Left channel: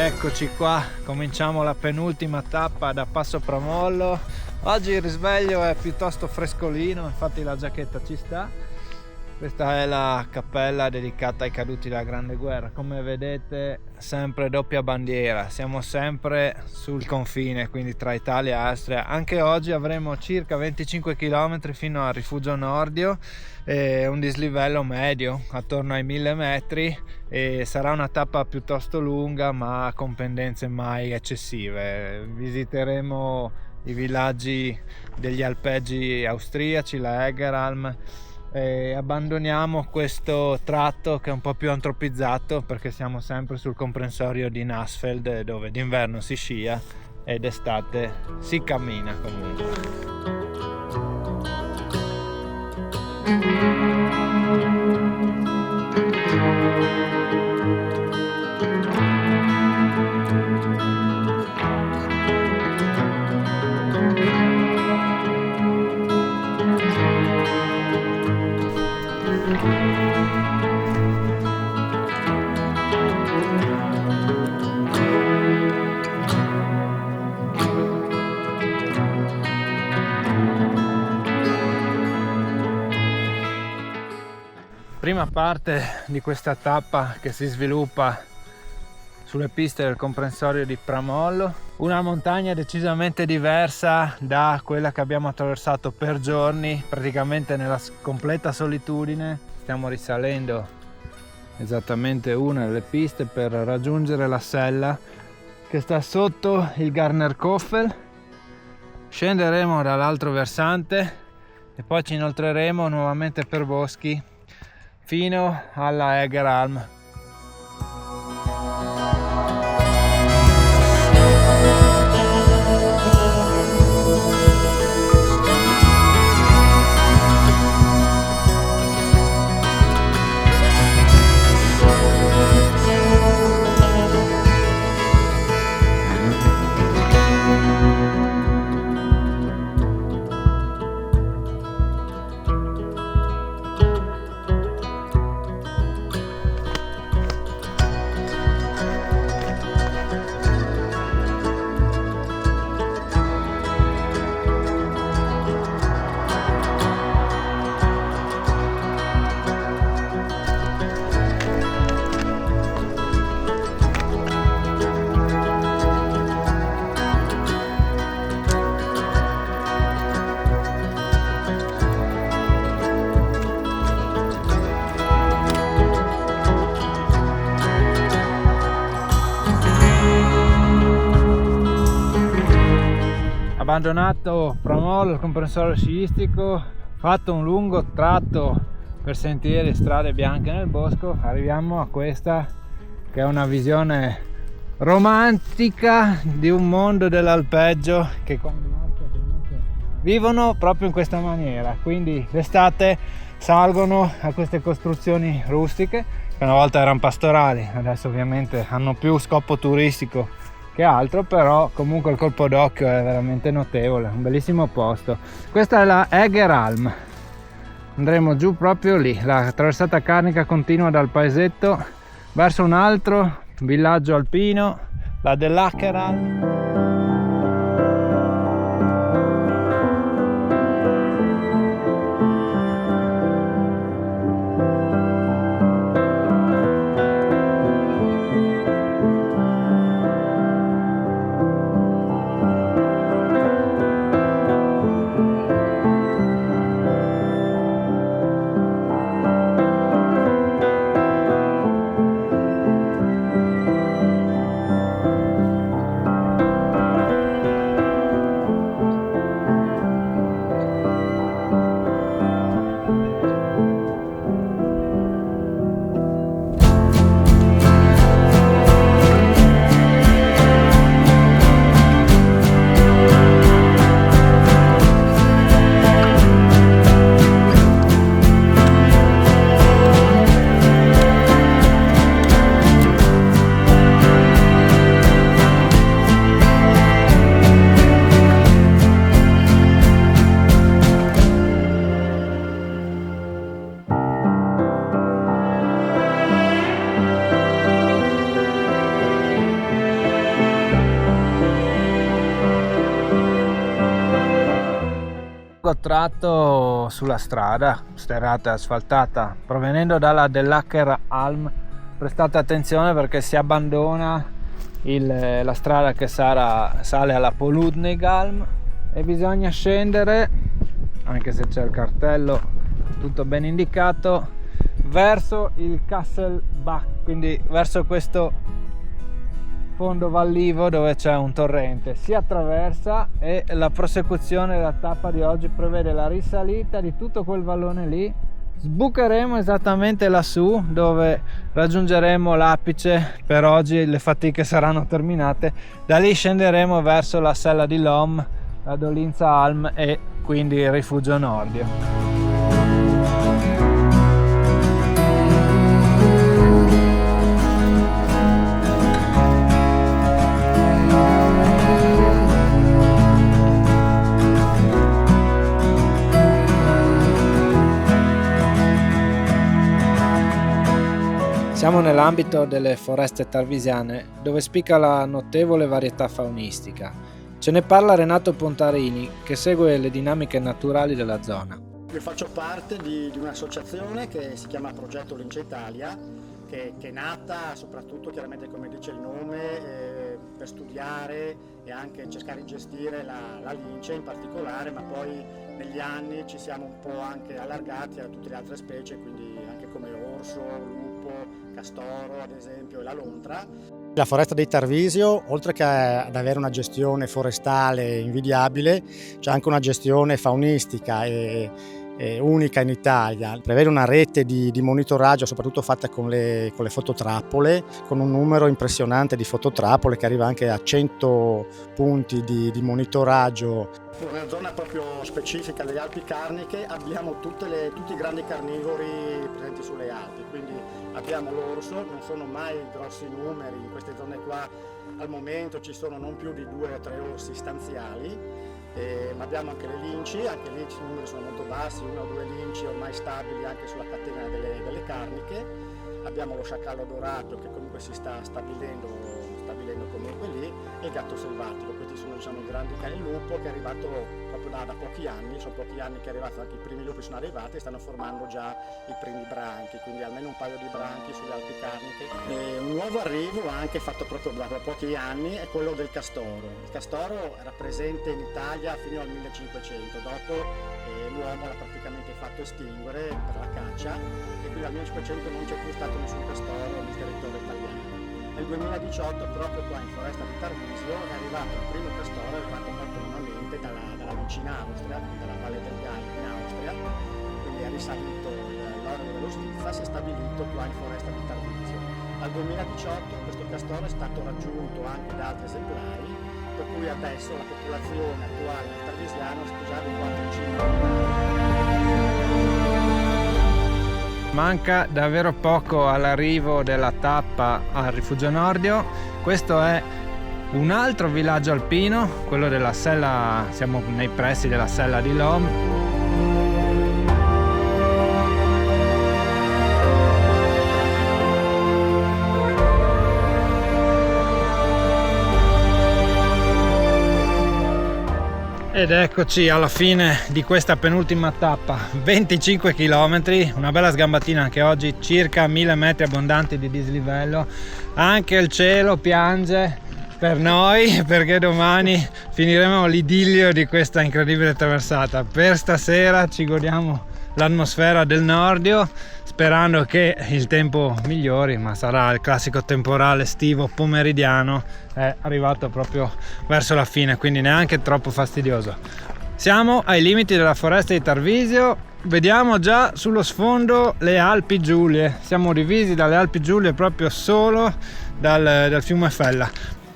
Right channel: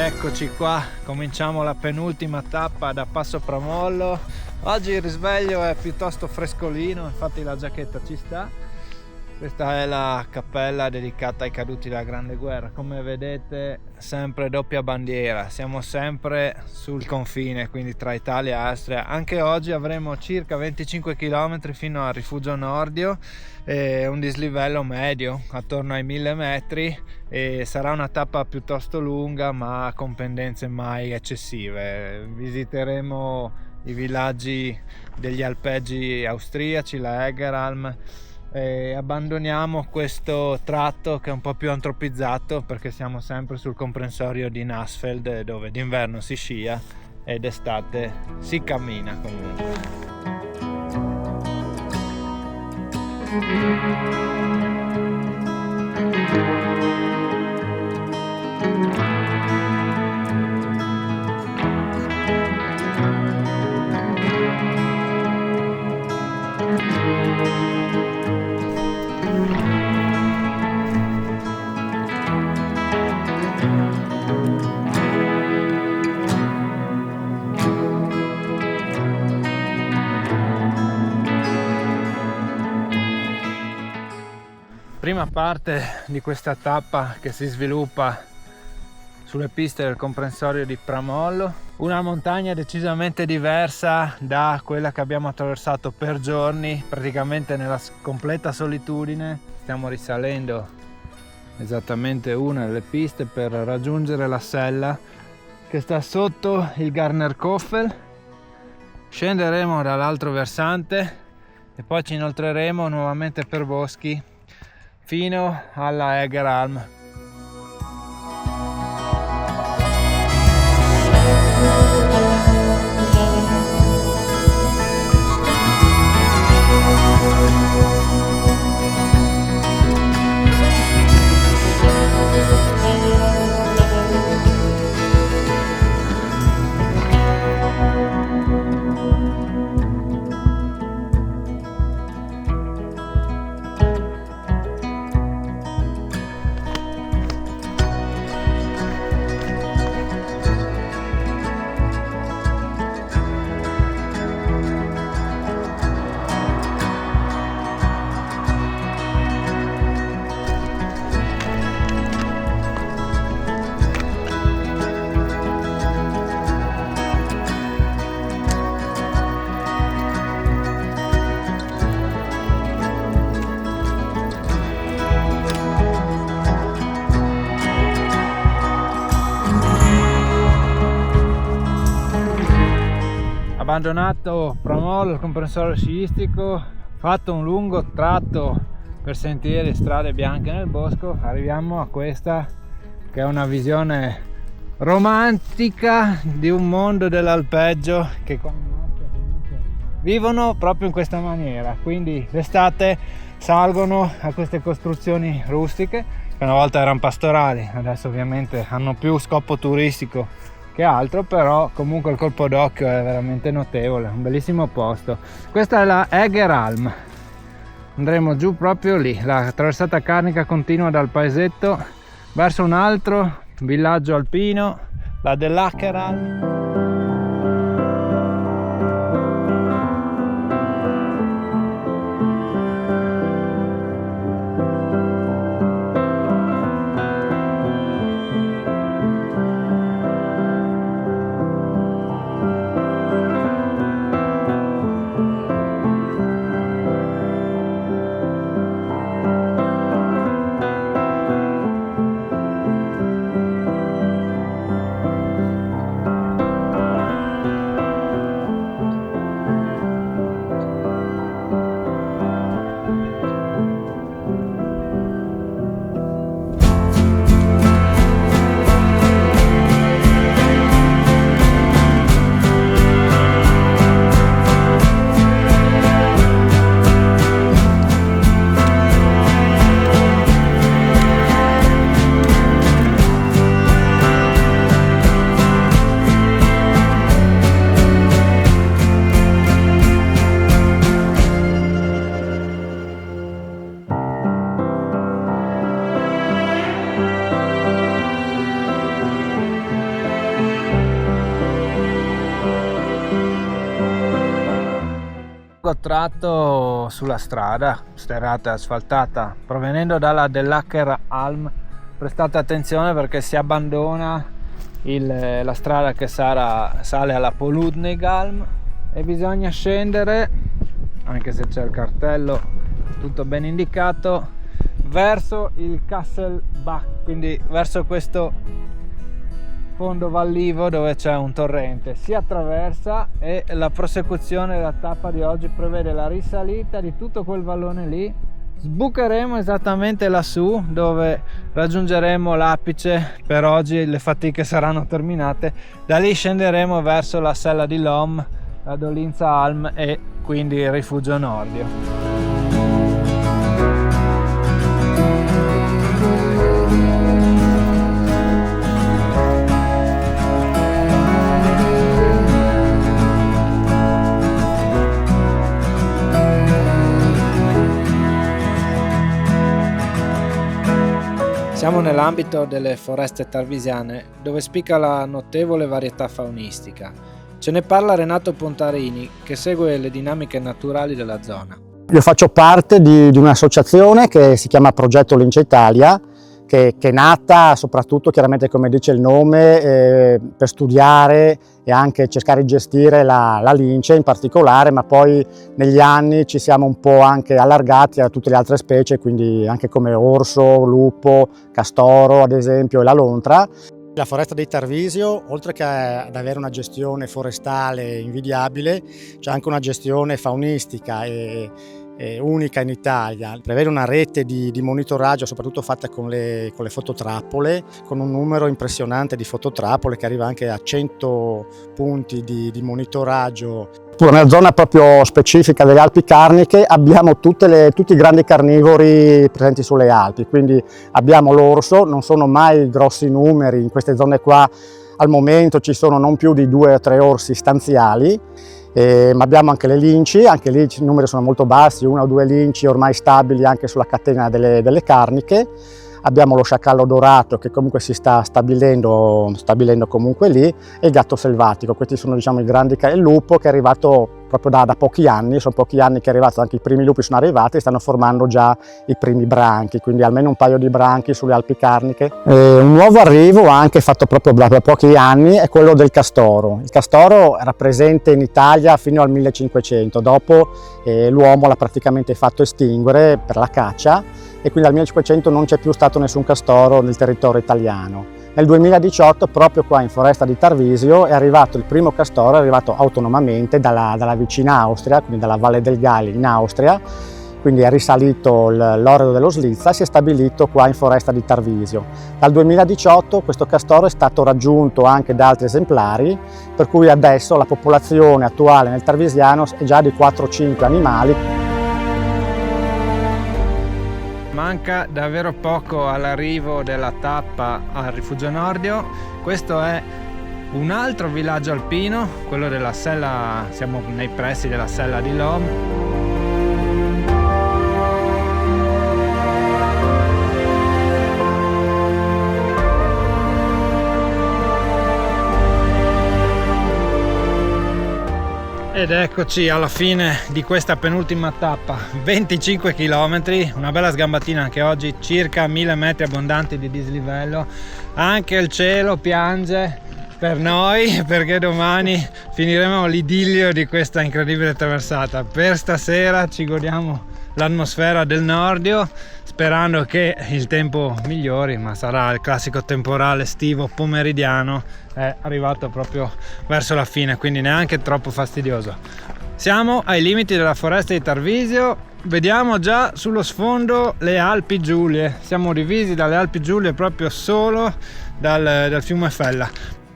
Eccoci qua, cominciamo la penultima tappa da Passo Pramollo. Oggi il risveglio è piuttosto frescolino, infatti la giacchetta ci sta. Questa è la cappella dedicata ai caduti della Grande Guerra. Come vedete, sempre doppia bandiera, siamo sempre sul confine, quindi tra Italia e Austria. Anche oggi avremo circa 25 km fino al Rifugio Nordio, un dislivello medio attorno ai 1000 metri, e sarà una tappa piuttosto lunga ma con pendenze mai eccessive. Visiteremo i villaggi degli alpeggi austriaci, la Egeralm, e abbandoniamo questo tratto che è un po' più antropizzato perché siamo sempre sul comprensorio di Nassfeld, dove d'inverno si scia ed d'estate si cammina comunque. Prima parte di questa tappa che si sviluppa sulle piste del comprensorio di Pramollo, una montagna decisamente diversa da quella che abbiamo attraversato per giorni, praticamente nella completa solitudine. Stiamo risalendo esattamente una delle piste per raggiungere la sella che sta sotto il Garnerkoffel. Scenderemo dall'altro versante e poi ci inoltreremo nuovamente per boschi fino alla Egeralm. Abbandonato Pramollo, il comprensorio sciistico, fatto un lungo tratto per sentieri e strade bianche nel bosco, arriviamo a questa che è una visione romantica di un mondo dell'alpeggio che vivono proprio in questa maniera. Quindi d'estate salgono a queste costruzioni rustiche che una volta erano pastorali, adesso ovviamente hanno più scopo turistico che altro, però comunque il colpo d'occhio è veramente notevole, un bellissimo posto. Questa è la Egeralm, andremo giù proprio lì. La traversata carnica continua dal paesetto verso un altro villaggio alpino, la dell'Acheralm. lungo tratto sulla strada sterrata e asfaltata provenendo dalla Dell'Acher Alm. Prestate attenzione perché si abbandona la strada che sale alla Poludnigalm e bisogna scendere, anche se c'è il cartello tutto ben indicato, verso il Kasselbach, quindi verso questo fondo vallivo dove c'è un torrente. Si attraversa e la prosecuzione della tappa di oggi prevede la risalita di tutto quel vallone lì. Sbucheremo esattamente lassù dove raggiungeremo l'apice. Per oggi le fatiche saranno terminate. Da lì scenderemo verso la sella di Lom, la Dolinza Alm e quindi il rifugio Nordio. Siamo nell'ambito delle foreste tarvisiane, dove spicca la notevole varietà faunistica. Ce ne parla Renato Pontarini, che segue le dinamiche naturali della zona. Io faccio parte di un'associazione che si chiama Progetto Lince Italia, che è nata soprattutto, chiaramente come dice il nome, per studiare e anche cercare di gestire la lince in particolare, ma poi negli anni ci siamo un po' anche allargati a tutte le altre specie, quindi anche come orso, lupo, castoro ad esempio e la lontra. La foresta dei Tarvisio, oltre che ad avere una gestione forestale invidiabile, c'è anche una gestione faunistica e unica in Italia. Prevede una rete di monitoraggio, soprattutto fatta con le fototrappole, con un numero impressionante di fototrappole che arriva anche a 100 punti di monitoraggio. Nella zona proprio specifica delle Alpi Carniche abbiamo tutti i grandi carnivori presenti sulle Alpi, quindi abbiamo l'orso, non sono mai grossi numeri, in queste zone qua al momento ci sono non più di 2 o 3 orsi stanziali. Ma abbiamo anche le linci, anche lì i numeri sono molto bassi, 1 o 2 linci ormai stabili anche sulla catena delle carniche. Abbiamo lo sciacallo dorato che comunque si sta stabilendo comunque lì e il gatto selvatico. Questi sono diciamo i grandi, il lupo che è arrivato proprio da pochi anni, sono pochi anni che è arrivato, anche i primi lupi sono arrivati e stanno formando già i primi branchi, quindi almeno un paio di branchi sulle Alpi Carniche. Un nuovo arrivo anche fatto proprio da pochi anni è quello del castoro. Il castoro era presente in Italia fino al 1500, dopo l'uomo l'ha praticamente fatto estinguere per la caccia e quindi dal 1500 non c'è più stato nessun castoro nel territorio italiano. Nel 2018, proprio qua in foresta di Tarvisio, è arrivato il primo castoro, è arrivato autonomamente dalla vicina Austria, quindi dalla Valle del Gali in Austria, quindi è risalito l'Orlo dello Slizza e si è stabilito qua in foresta di Tarvisio. Dal 2018 questo castoro è stato raggiunto anche da altri esemplari, per cui adesso la popolazione attuale nel Tarvisiano è già di 4-5 animali. Manca davvero poco all'arrivo della tappa al Rifugio Nordio. Questo è un altro villaggio alpino, quello della sella, siamo nei pressi della sella di Lom. Ed eccoci alla fine di questa penultima tappa, 25 km, una bella sgambatina anche oggi, circa 1000 metri abbondanti di dislivello. Anche il cielo piange per noi perché domani finiremo l'idillio di questa incredibile traversata. Per stasera ci godiamo l'atmosfera del Nordio, sperando che il tempo migliori, ma sarà il classico temporale estivo pomeridiano, è arrivato proprio verso la fine, quindi neanche troppo fastidioso. Siamo ai limiti della foresta di Tarvisio, vediamo già sullo sfondo le Alpi Giulie, siamo divisi dalle Alpi Giulie proprio solo dal fiume Fella.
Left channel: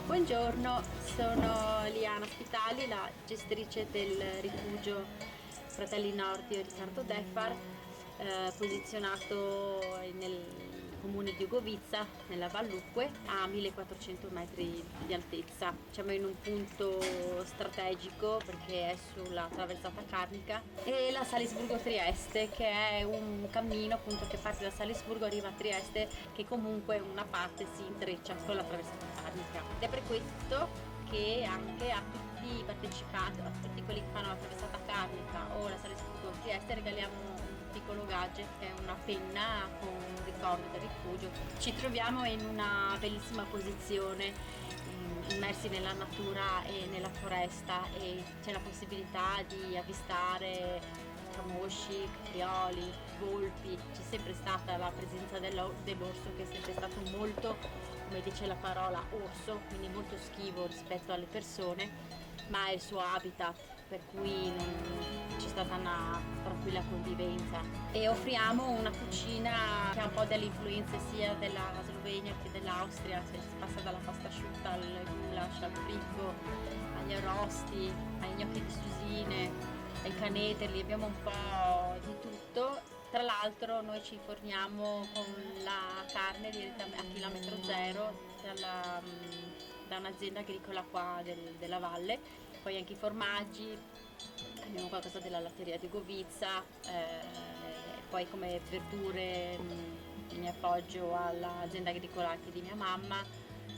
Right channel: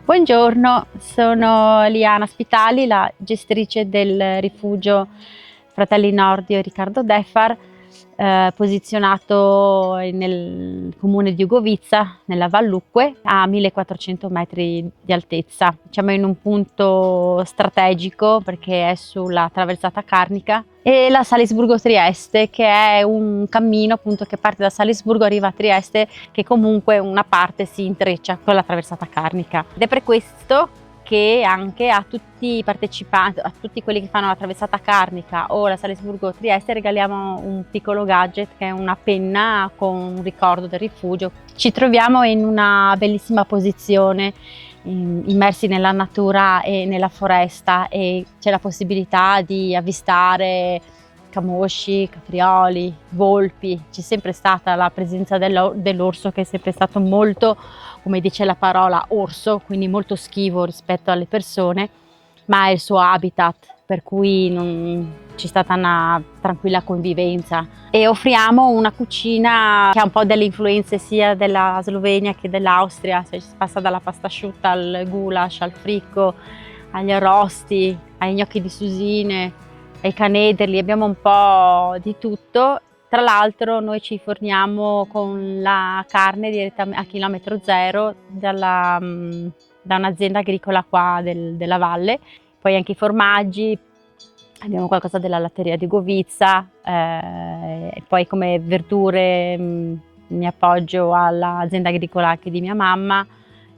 Buongiorno, sono Liana Spitali, la gestrice del rifugio Fratelli Nordio Riccardo Defar, posizionato nel comune di Ugovizza, nella Vallucque, a 1400 metri di altezza. Siamo in un punto strategico perché è sulla traversata carnica e la Salisburgo-Trieste, che è un cammino appunto che parte da Salisburgo, arriva a Trieste, che comunque una parte si intreccia con la traversata carnica. Ed è per questo nonché anche a tutti i partecipanti, a tutti quelli che fanno la traversata carnica o la Salisburgo-Trieste, regaliamo un piccolo gadget che è una penna con un ricordo del rifugio. Ci troviamo in una bellissima posizione, immersi nella natura e nella foresta, e c'è la possibilità di avvistare camosci, caprioli, volpi. C'è sempre stata la presenza dell'orso, che è sempre stato molto, come dice la parola, orso, quindi molto schivo rispetto alle persone, ma è il suo habitat, per cui c'è stata una tranquilla convivenza. E offriamo una cucina che ha un po' delle influenze sia della Slovenia che dell'Austria, si passa dalla pasta asciutta al goulash, al fricco, agli arrosti, ai gnocchi di susine, ai canederli, abbiamo un po' di tutto. Tra l'altro noi ci forniamo con la carne direttamente a chilometro zero da un'azienda agricola qua della valle, poi anche i formaggi, abbiamo qualcosa della latteria di Govizza, e poi come verdure mi appoggio all'azienda agricola anche di mia mamma,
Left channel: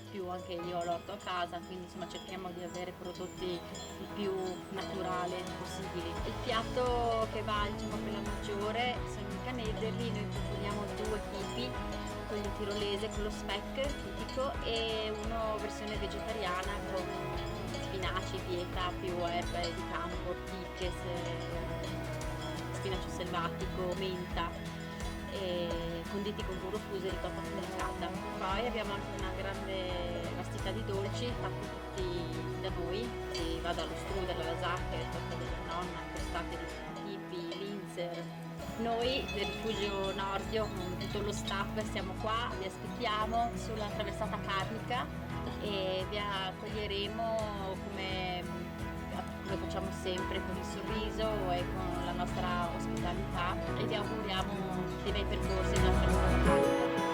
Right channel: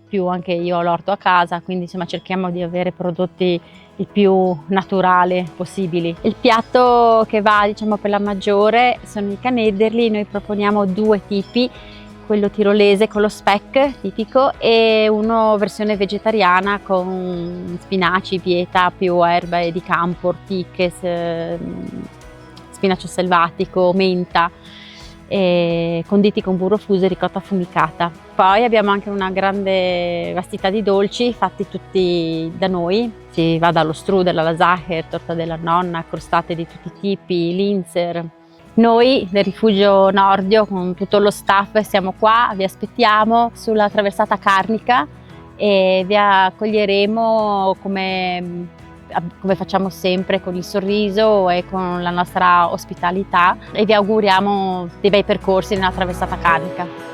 più anche io ho l'orto a casa, quindi insomma cerchiamo di avere prodotti il più naturale possibili. Il piatto che va, diciamo, per la maggiore sono i canederli. Noi proponiamo due tipi, quello tirolese con lo speck tipico e uno versione vegetariana con spinaci, pieta, più erbe di campo, ortiche, spinacio selvatico, menta, e conditi con burro fuso e ricotta affumicata. Poi abbiamo anche una grande vastità di dolci fatti tutti da noi. Si va dallo strudel alla Sacher, torta della nonna, crostate di tutti i tipi, linzer. Noi del Rifugio Nordio con tutto lo staff siamo qua, vi aspettiamo sulla traversata carnica e vi accoglieremo come facciamo sempre, con il sorriso e con la nostra ospitalità, e vi auguriamo dei bei percorsi nella traversata carnica.